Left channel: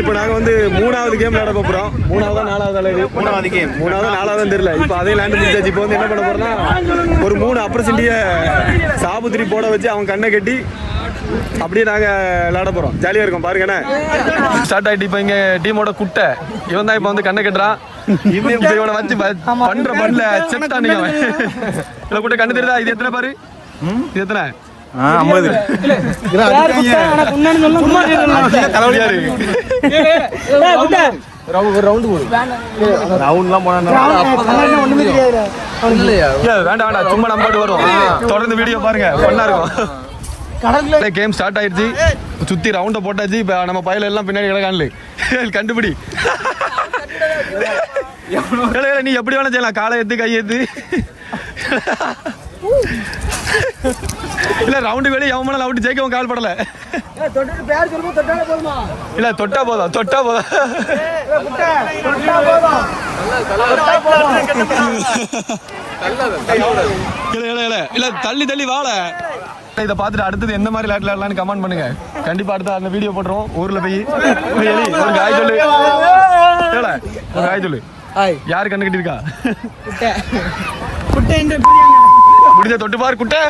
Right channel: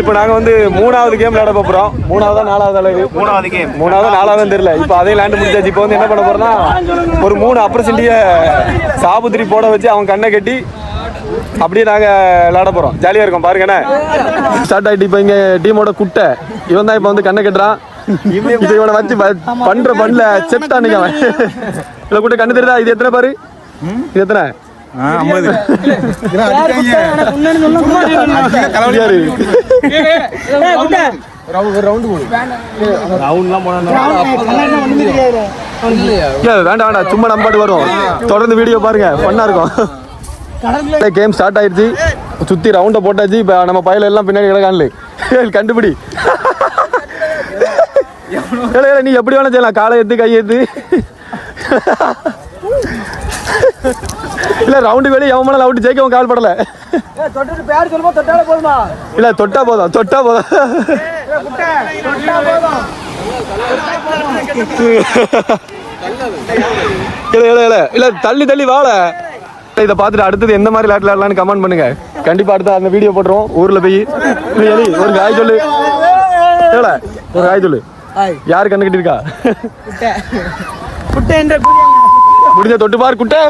இப்போ நாங்க வந்து மூணாவது கேம் விளையாட போறோம். மூணாவதா நாலாவது நாலாவது தெரியல. இப்போ அதே லேண்ட் முடிச்சாச்சு. இப்போ வந்து என்ன பண்ண போறோம்னா ஒரு 3 அப்ரசென்டிய சாபுத்திரி போட வச்சு அவன் கண்ணை கட்டி அப்படியே நாங்க விளையாட போறோம். ஜாலியா இருக்கும் பாருங்க. ஸ்டார்ட் ஆயிட்டு இப்போ இங்க டீமோட குட்டை இவன் தான் இப்போ வந்து கண்ணை கட்டுறான். இவனை வச்சு பண்ற பண்ணல செத்தான் நீங்க. இல்ல குட்டை கண்ணு தெரியுதா? இது எத்தனை பாரு? இது எத்தனை? 50. சும்மா நம்பாட்டு வரும். தொடர்ந்து வீடியோ பாருங்க, பண்ணா இருக்கும். கேம் ஸ்டார்ட் ஆயிடுச்சு. சுத்தி ரவுண்ட போட்டாச்சு. இப்ப நம்ம பையில எல்லாம் பின்னாடி கிடக்கான்ல கண்டுபிடி. நீ எப்படி வேணா செய்யலாம். காலை எடுத்து கை எடுத்து இல்ல ரவுண்டு வெளியே எவன் அவுட் ஜெயிக்கவும் கால் படல. இல்ல தொட்டா போதும். இல்ல தள்ளி வாழ. இதை பார்த்துட்டு அடுத்தது எந்த மாதிரி விளையாடலாம்னு கமெண்ட் பண்ணுங்க. கண்டிப்பா அடுத்த அந்த வீடியோ போட்டுருவோம். ஊர்ல போய் ஹாய் சொல்லு. ஹாய் சொல்லு. யாரு கண்ணு கட்டி இருக்கா? முடிஞ்ச தொட்டு பாரு குட்டை.